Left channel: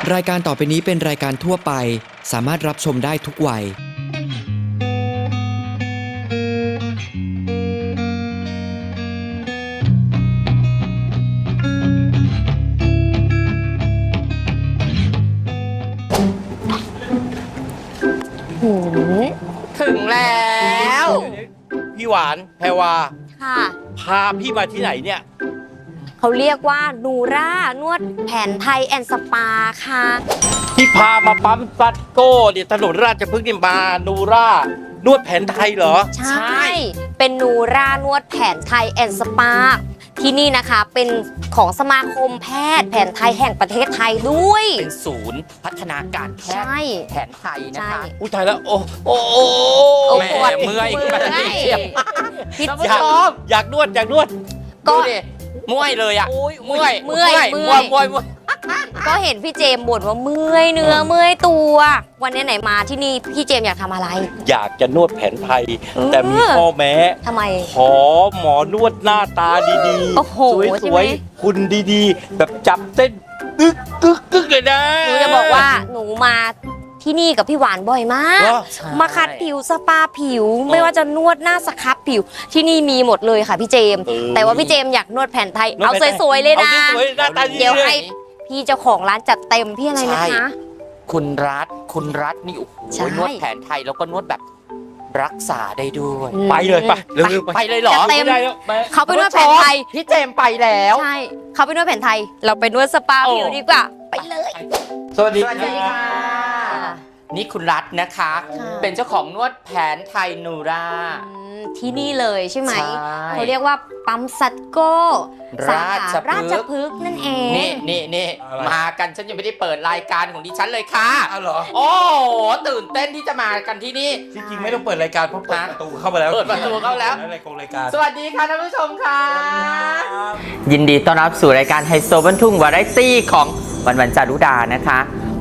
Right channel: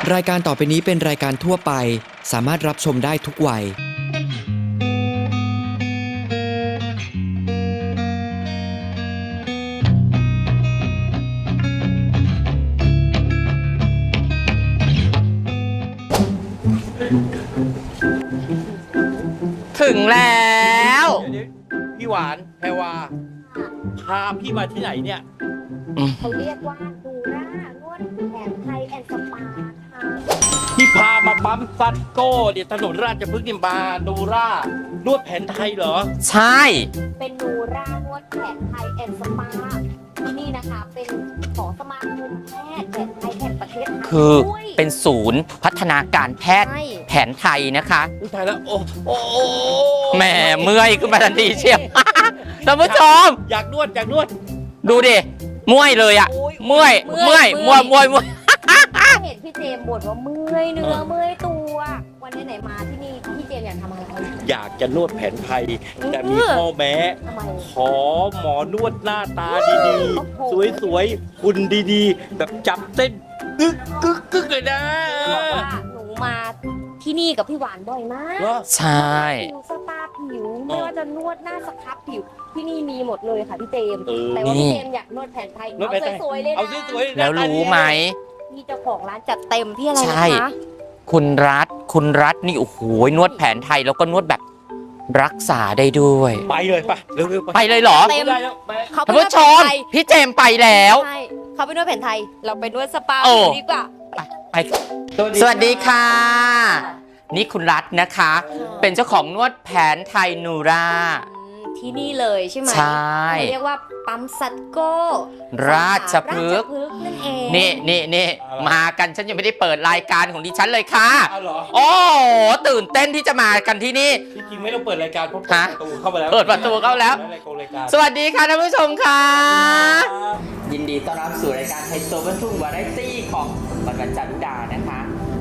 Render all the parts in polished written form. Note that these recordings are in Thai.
รายการต่อไปนี้เป็นรายการทั่วไปสามารถรับชมได้ทุกวัยถึงแล้วพี่หวานแพรวาค่ะพาพี่มาที่ไหนเนี่ยเขาเรียกว่านูร่านวดแผนไทยแอนด์สปาค่ะพี่พามาปั๊มซัตโก้เนี่ยถนนราชพฤกษ์นี่มานูร่านวดแผนไทยเหรอใช่เป็นนูร่านวดแผนไทยแอนด์สปาที่นี่นะคะเป็นของสมาคมแพทย์แผนไทยแห่งประเทศไทยด้วยเป็นศูนย์พัฒนาการแพทย์ใช่แผนไทยนะคะอุ้ยตายแล้วโอ้โอ้แหม่เมื่อยขึ้นมาทันทีเชียวท่านผู้ชมอยากนวดอยากนวดดูดิเมื่อยเลยอ่ะโอ้ยเมื่อยเมื่อยเมื่อยก็เห็นพี่เจมส์บ่นว่าเมื่อยเนื้อเมื่อยตัว วันนี้ไหนมาที่นี่พี่เจมส์อยากทำอะไรอยากจะนวดแผนไทย แต่มีข้อแม้ทำไมขอหมอนวดหน้าตาดีโอ้โหๆ สใช่วไหมยๆคุณดีๆ แบบจับเส้นกึกกึกกึกเลยนะหนูจะบอกว่าหนูมาที่นี่กับพี่หวานบ่อยมากเหรอใช่มาคัดผิวสปาผิว ไม่ว่าจะนวดหน้าสครับผิวที่นี่มีหมดเลยค่ะพี่เจมส์แต่ว่าพี่เจมส์อยากนวดแผนไทยเอาสวยๆเลยนะอาสวยๆหแล้น้าว ตารู้เดียวไหมพี่เจ้าของร้านจัดเต็มพี่อะไรนะใช่คะคุณรัฐนี่โอ้โหใช่นวดแผนไทยแล้วก็นวดแบบรักษาได้ด้วยไปเลยไปเร็วๆไปเลยเหรอจัดเต็มไม่ได้แล้วไปเขาไปท่านนวดผู้แผชนมไทยพี่เจมส์ไปแล้วใช่เขาไปนวดแผนไทย เราไปนวดสปาโอ้ผิวดีกว่าไปเลยไปสวัสดีค่ะ นี่คุณรัฐนะคะ เป็นเจ้าของนวดแผนไทยนูราที่นี่เลยใช่ไหมใช่เขาเรียกว่าปั๊มซัตโก้ราชพฤกษ์ราชพฤกษ์นั่นเองนี่มากันฉันยังไม่ได้เปิดรายการของดิฉันเลยค่ะอ้าวเหรอโอ้โหตื่นเต้นที่จะมากันที่นี่จริงๆไม่ต้องเปิดรายการเพราะเปิดประตูเข้ามาแล้วเปิดประตูเข้าแล้วรายการสวัสดีค่ะท่านผู้ชมค่ะ ยินดีต้อนรับสู่รายการไฮโซบันทุ่งวาไรตี้ของวันจารุดานะคะ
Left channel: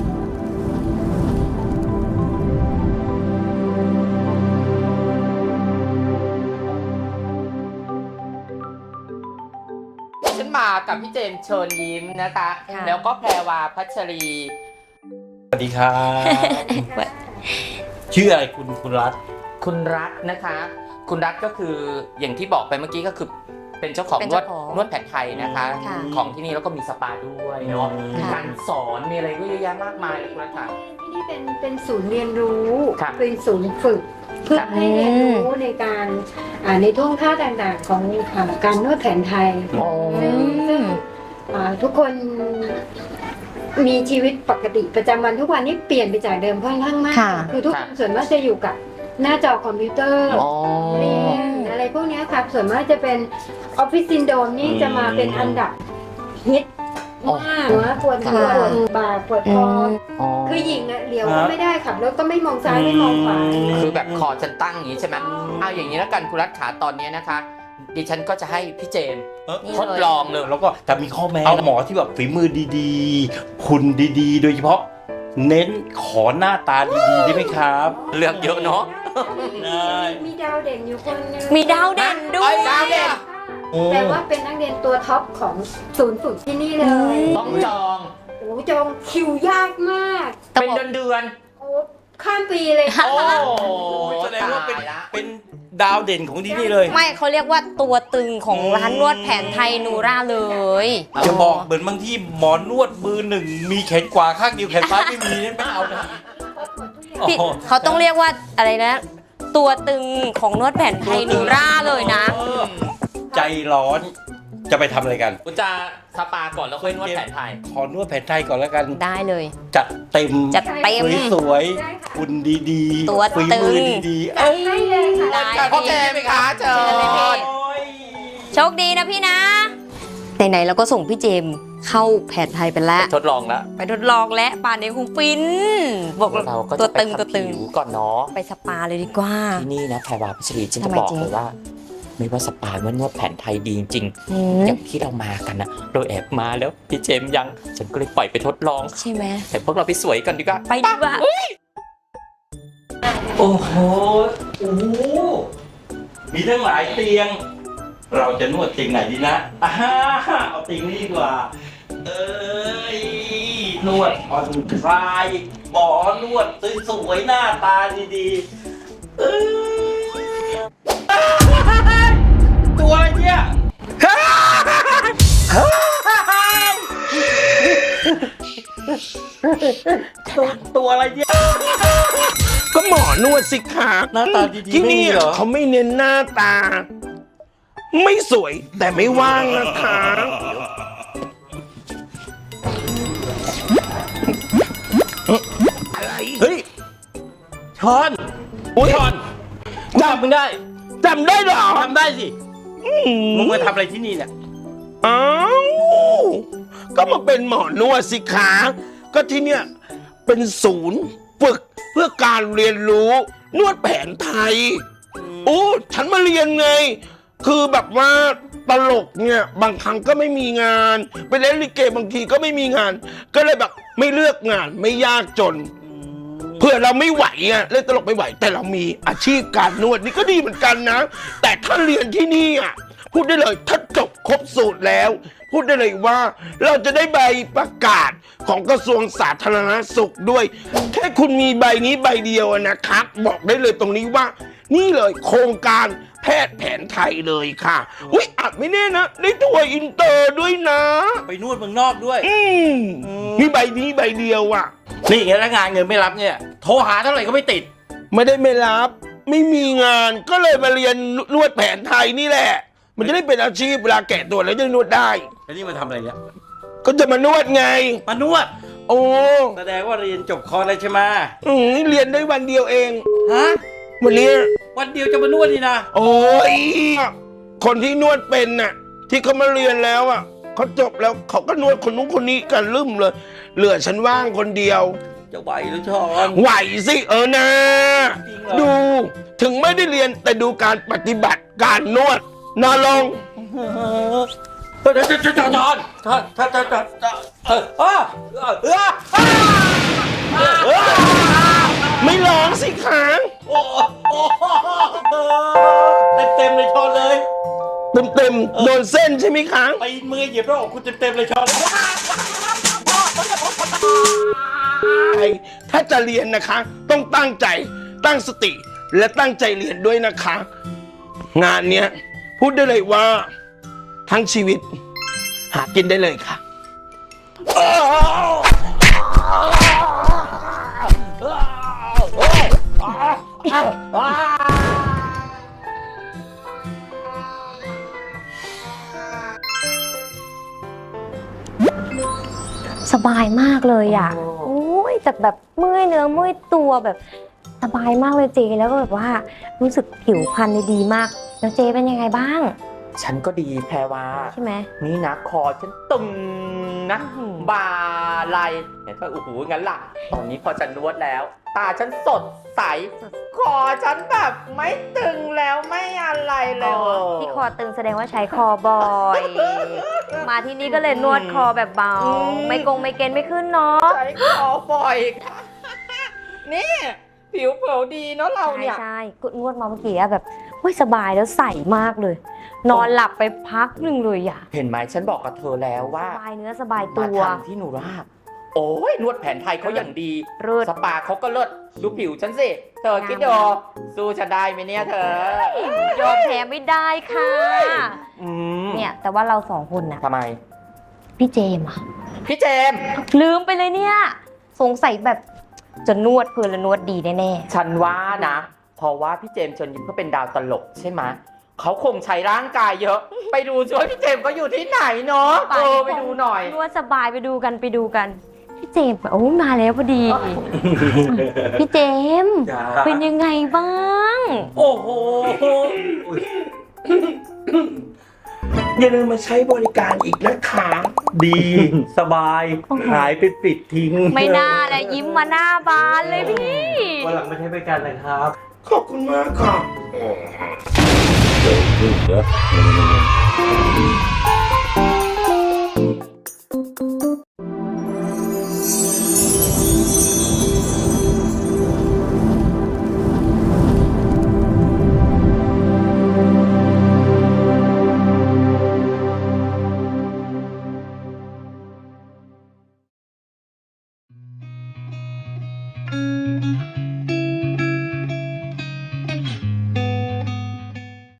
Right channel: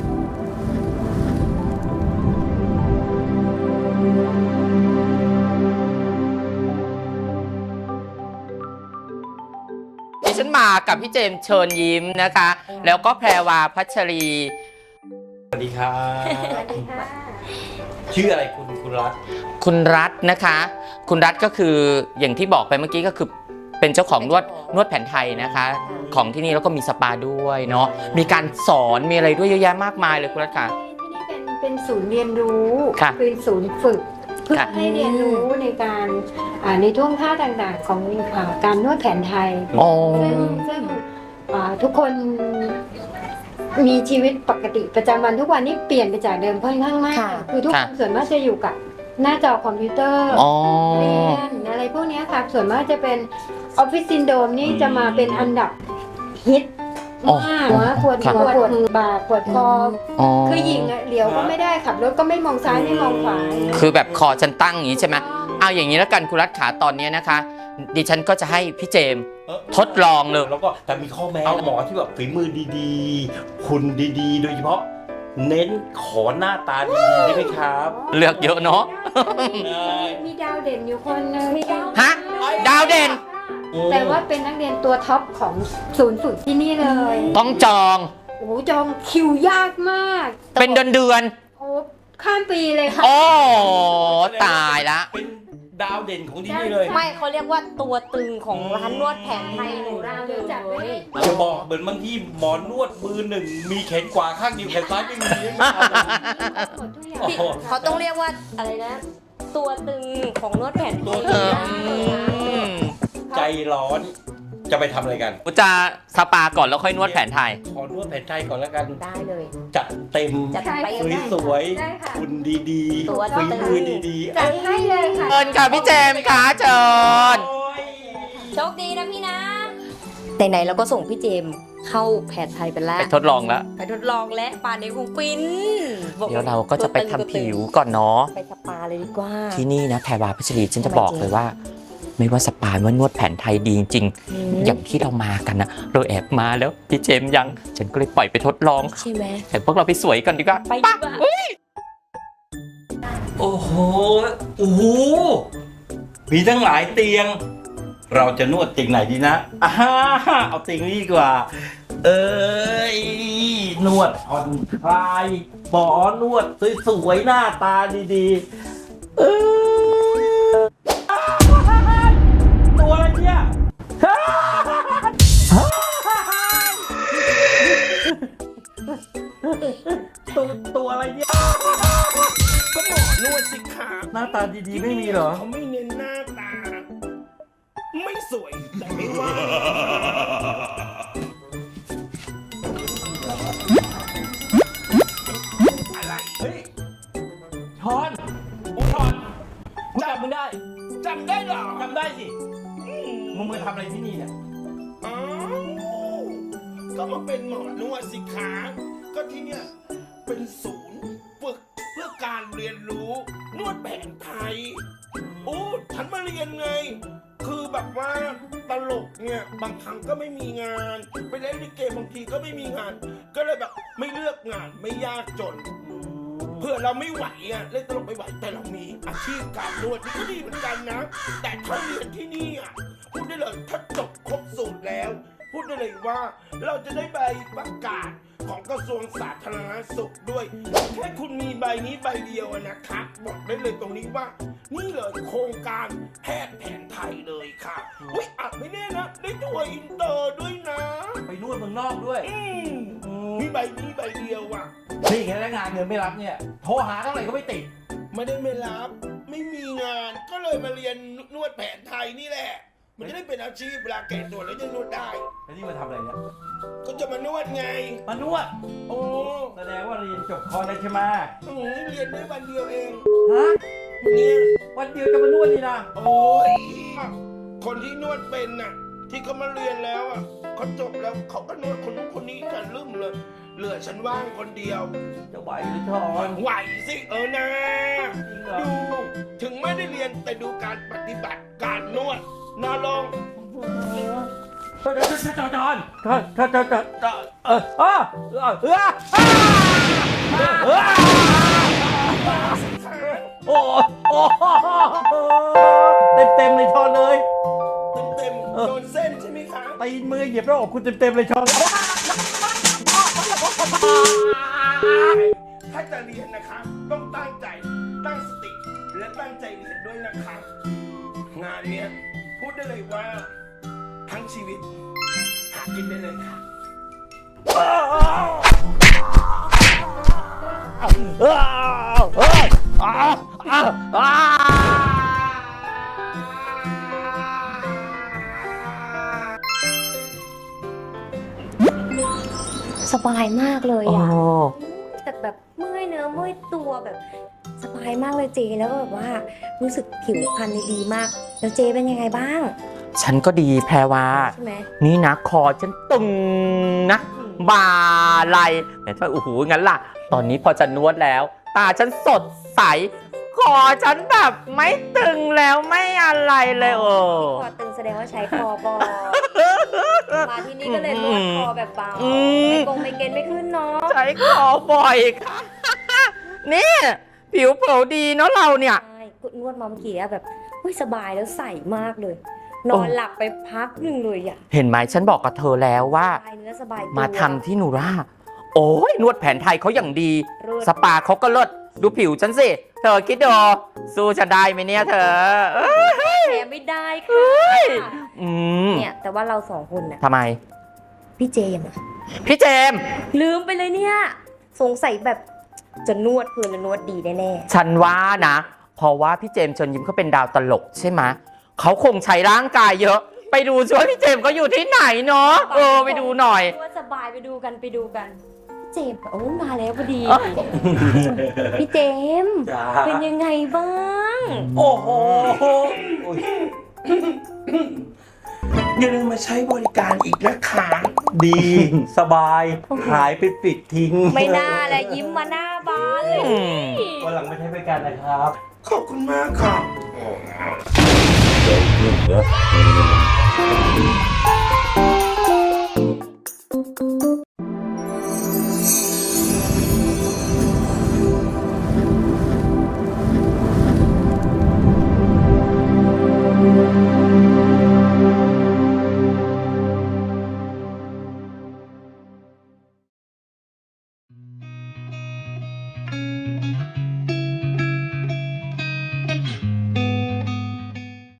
ฉันมากับพี่เจมส์เชิญยิ้มนะคะ แล้วก็แพรวาพัชรีสวัสดีครับ ชื่ออะไรคุณรัฐคุณรัฐนะคะ คุณรัฐก็คืออย่างที่บอกไปเมื่อกี้ก็คือเป็นเจ้าของนวดแผนไทยนะคะค่ะของที่นี่แล้วก็มีสปาด้วยเนาะมีการสอนมีอะไรด้วยเยอะแยะมากมายเลยคุณรัฐค่ะที่นี่เป็นศูนย์เรียนรู้ค่ะเป็นศูนย์ฝึกเพื่อค่ะให้เรียนรู้ในการในท่วงท่าต่างๆของการนวดแผนไทยอ๋อซึ่งทุกคนมีชีวิตปกติประจำวันทุกวันนี้เปลี่ยนไปจากเดิมค่อนข้างมากค่ะคือทุกคนส่วนมากจะอยู่กับหน้าจอคอมพิวเตอร์อ๋อเรียนอะไรพวกเนี้ยครับส่วนมากจะเป็นออฟฟิศซินโดรมนี่จะมาเป็นอันดับฮิตมากว่าปวดหัวปวดบ่าปวดคออ๋อคือหญิงอะเหลียวก็ไม่ได้ขับรถก็ไม่มองซ้ายไม่มองขวาคือแบบคอฉันตั้งอย่างนี้ใช่ไหมเอาอย่างนี้แล้วกันคุณรัฐขาตอนนี้นะคะ ดิฉันก็จะให้พี่เจมส์ทดลองเลยแล้วก็แต่มีข้อแม้เอาหมอที่แบบฝีมือดีๆ คุณดีๆ โดยเฉพาะ เน้นขอหน้าตาดีๆได้ไหมครับเลือกเยอะเนาะมีดาวเด่นอยู่คนนึงมีดาวเด่นด้วยดาวเด่นแต่ว่าเป็นนักเรียนตัวท็อปของศูนย์ฝึกที่นี่เลยต้องจองโอ้จองคิวยากมากเป็นเดือนโอ้ข้ามปีเลยๆค่ะโอ้ตายละเป็นดาวเด่นของที่นี่เลยไม่เขาเรียกว่าตัวตึงของร้านนวดแผนไทยนูร่าเลยจะบอกเหมือนบางที่หมอนวดมือหนึ่งมีแขนขวาข้างเดียวแขนซ้ายไม่มีไม่เอาเลยพี่เขาต้องเรียกว่าอะไรนะ ตัวตึงของนวดแผนไทยนูร่าเลยนะใจร้อนจะไปทำอะไรกันกูจะสปาก่อนแล้วค่อยนวดแผนไทยขอนวดแผนไทยก่อนแล้วกันได้เลยจัดเต็มจัดเต็มสวยๆคุณดีๆตัวฝีตึงมือดีๆจัดให้เลยค่ะเชิญค่ะพี่เจมส์ค่ะเชิญโชคดีนะพี่นะไหนๆเราก็ส่งพี่เจมส์เข้าแผนไทยไปแล้วทดลองแล้วไปทดลองและป่านนี้คงฟินบอกแล้วเราก็จะไปทำผิวก่อนเนาะไปสปาเลยดีกว่าที่นี่นะแพรวาพัชรีฉันจะทำไมบอกจริงเลยว่า ไม่ว่าสปาว่านวดแผนไทยดีจริงๆอย่างที่เรามากันนะเราแอบมาแล้วพี่เจมส์ยัง ฉันก็เลยปล่อยไปทดลองใช่ไหมแต่พวกเราไปสวยกันดีกว่าไปดีกว่าโอ้โห โอ้โห มีทั้งหลายเตียง เราจะนวดเตียงไหนดีนะอ่าฮะเอาเตียงนี้ดีกว่า เอ้ย นวดผ่อนคลายหมอนวดสวยๆหน้าตาดีๆตัวอะไรเนี่ยตัวอะไรเนี่ยก็หมอนวดสิคะหน้าตาดีๆที่ไม่นี่มีเหรอเขาไม่เน้นหน้าตา ไม่สวยแต่ไม่ว่างนะคะ อะไรเฮ้ยช้อนอุ๊ยช้อนจำมึงได้จำได้เหรอทำได้สิอืมมึงมาทำอะไรที่นี่เนี่ยอ้าวก็มาเป็นหมอนวดสิคะก็ที่เนี่ยเป็นศูนย์ฝึกเพื่อการเรียนรู้นวดแผนไทย โอ้ฉันมาเรียนไง คือแบบว่าตลกเนี่ยบางครั้งก็ไม่มีงานไปเล่นลิเกบางทีก็ไม่มีงาน ก็เลยแบบไม่เลือกงานไม่ยากจน เพื่อเราไม่ไหวอ่ะเล่นตลกไม่ไหว แต่เรามีอาชีพการนวดนี่ก็ดีเหมือนกันนะ แต่ถ้าเรียนที่นี่อ่ะพูดได้เลยถ้าจบครบสูตรแล้ว พูดได้เลยว่าเราจะได้ใบประกาศของกระทรวงสาธารณสุขด้วยแค่คุณมีใบนี้ใบเดียวนะครับบอกได้เลยตรงนี้ว่า นี่เลยโครงการแพทย์แผนไทยเลยค่ะอุ๊ยอาจไม่แน่นะได้ทัวร์อินเตอร์ด้วยนะไปนวดเมืองนอกด้วยมีใบนี้ใบเดียวอ่ะนี่แล้วงานเงินไม่รับเนี่ย โทรหาเท่าไหร่ก็ไม่ติดไม่ได้ไม่รับ ไม่มีงานก็เลยมาเรียนนวดแผนไทยนี่แหละ มันจะได้เป็นอาชีพเวลาแก่ตัวแล้วจะนวดได้แล้วนี่มาทำอะไรเนี่ยก็จะมานวดไงมานวดโอ้แสดงว่าเรียนจบคอร์สแล้วใช่ไหมนี่เรียนได้วันเดียวเองฮะวันนี้วันเดียวจะมานวดนี่นะโอ้ยคนที่นวดเป็นน่ะ ที่เขามาเรียนแล้วอ่ะเขาจบแล้วเขาก็นวดคนนู้นคนนี้กันลืมเลย เหลือฉันว่างคนเดียวจะไหวหรือช้อนไหวสินะดูถึงไม่ได้เรียนแต่ดูการปฏิบัติการนวดนาลง ไม่ร้องสิคะโอ้เต็มเลยช้อนเลยเต็มโดนเส้นใช่ไหมคะไปมือเหยียบแล้วออกคุณเต็มเลยช้อนถ้าจะเรียนนะคะ ต้องตั้งใจตั้งสติและตั้งใจเรียนด้วยนะคะ งานเนี้ยพูดได้เลยว่า ทั้งชีวิต หากินได้เลยค่ะสบายมากเลยอ่ะอ๋อโอ้ยแต่แบบเมื่อยเนื้อเมื่อยตัวแบบสบายมากเลยเจแล้วก็แบบว่ารู้สึกผิวพรรณดีมากแล้วเจเป็นยังไงบ้างฉันก็ดีแพรวาใช่ไหมนี่นะคอฉันตึงนะบ่าไหลเห็นไหมโอ้โหงั้นล่ะ ตอนนี้พอจะนวดแล้ว ตาฉันสดใส คอฉันแบบไม่ตึงแล้วไม่อะไรเลยโอ้ที่คอตึงแสดงว่าใช้คอบ่อย มาที่นี่ก็เลยนวดคอแบบเบา ไม่กงไม่เกณฑ์ไม่ขึ้นเนาะใช้คอบ่อยค่ะนี่ผิวเผลดีเนาะเราเนี่ยใช่กดนวดมาเมื่อกี้อะแบบเฮ้ยสบายแล้วใสมากเลย นอนหลับไปพักหนึ่งเลยอ่ะเห็นไหมฉันบอกกับเธอแล้วว่าสบายเนื้อสบายตัวมาทำที่นูราโอ้ยนวดแผนไทยเขาอย่างดีเลิศสปาเขาก็เลิศดูผิวฉันสิ เธอคิดดูสู้จะได้ไหมเนี่ยเธอยอมแพ้ไม่ได้ค่ะอืมเนี่ยแต่ว่าเราสองคนน่ะทำไมพี่เจมส์อะพี่เจมส์ลืมไปเลยเนี่ย สงสัยแบบจะนวดเพลินและนวดดีแน่ฉันว่านะ เพราะว่าพี่เจมส์เชิญยิ้มเขาเป็นดาวตลกใช่ไหมเขาคงใช้ร่างกายเยอะ ไปดูช่วยพี่เจมส์เขาอยู่ที่ไหนเนาะๆไปดูหน่อยนวดสบายไปดูกันพี่เจมส์โอ้มาแล้วพอดี พี่เจมส์จ้าเป็นยังไงบ้างโอ้โหอย่าลืมมาใช้บริการอีกนะคะดีสบาย หายไปปิดทิ้งไม่น่าเลยยิ้มมาหน้าบานเลยวันหลังไม่ใช้บริการนะครับขอบคุณมากค่ะเ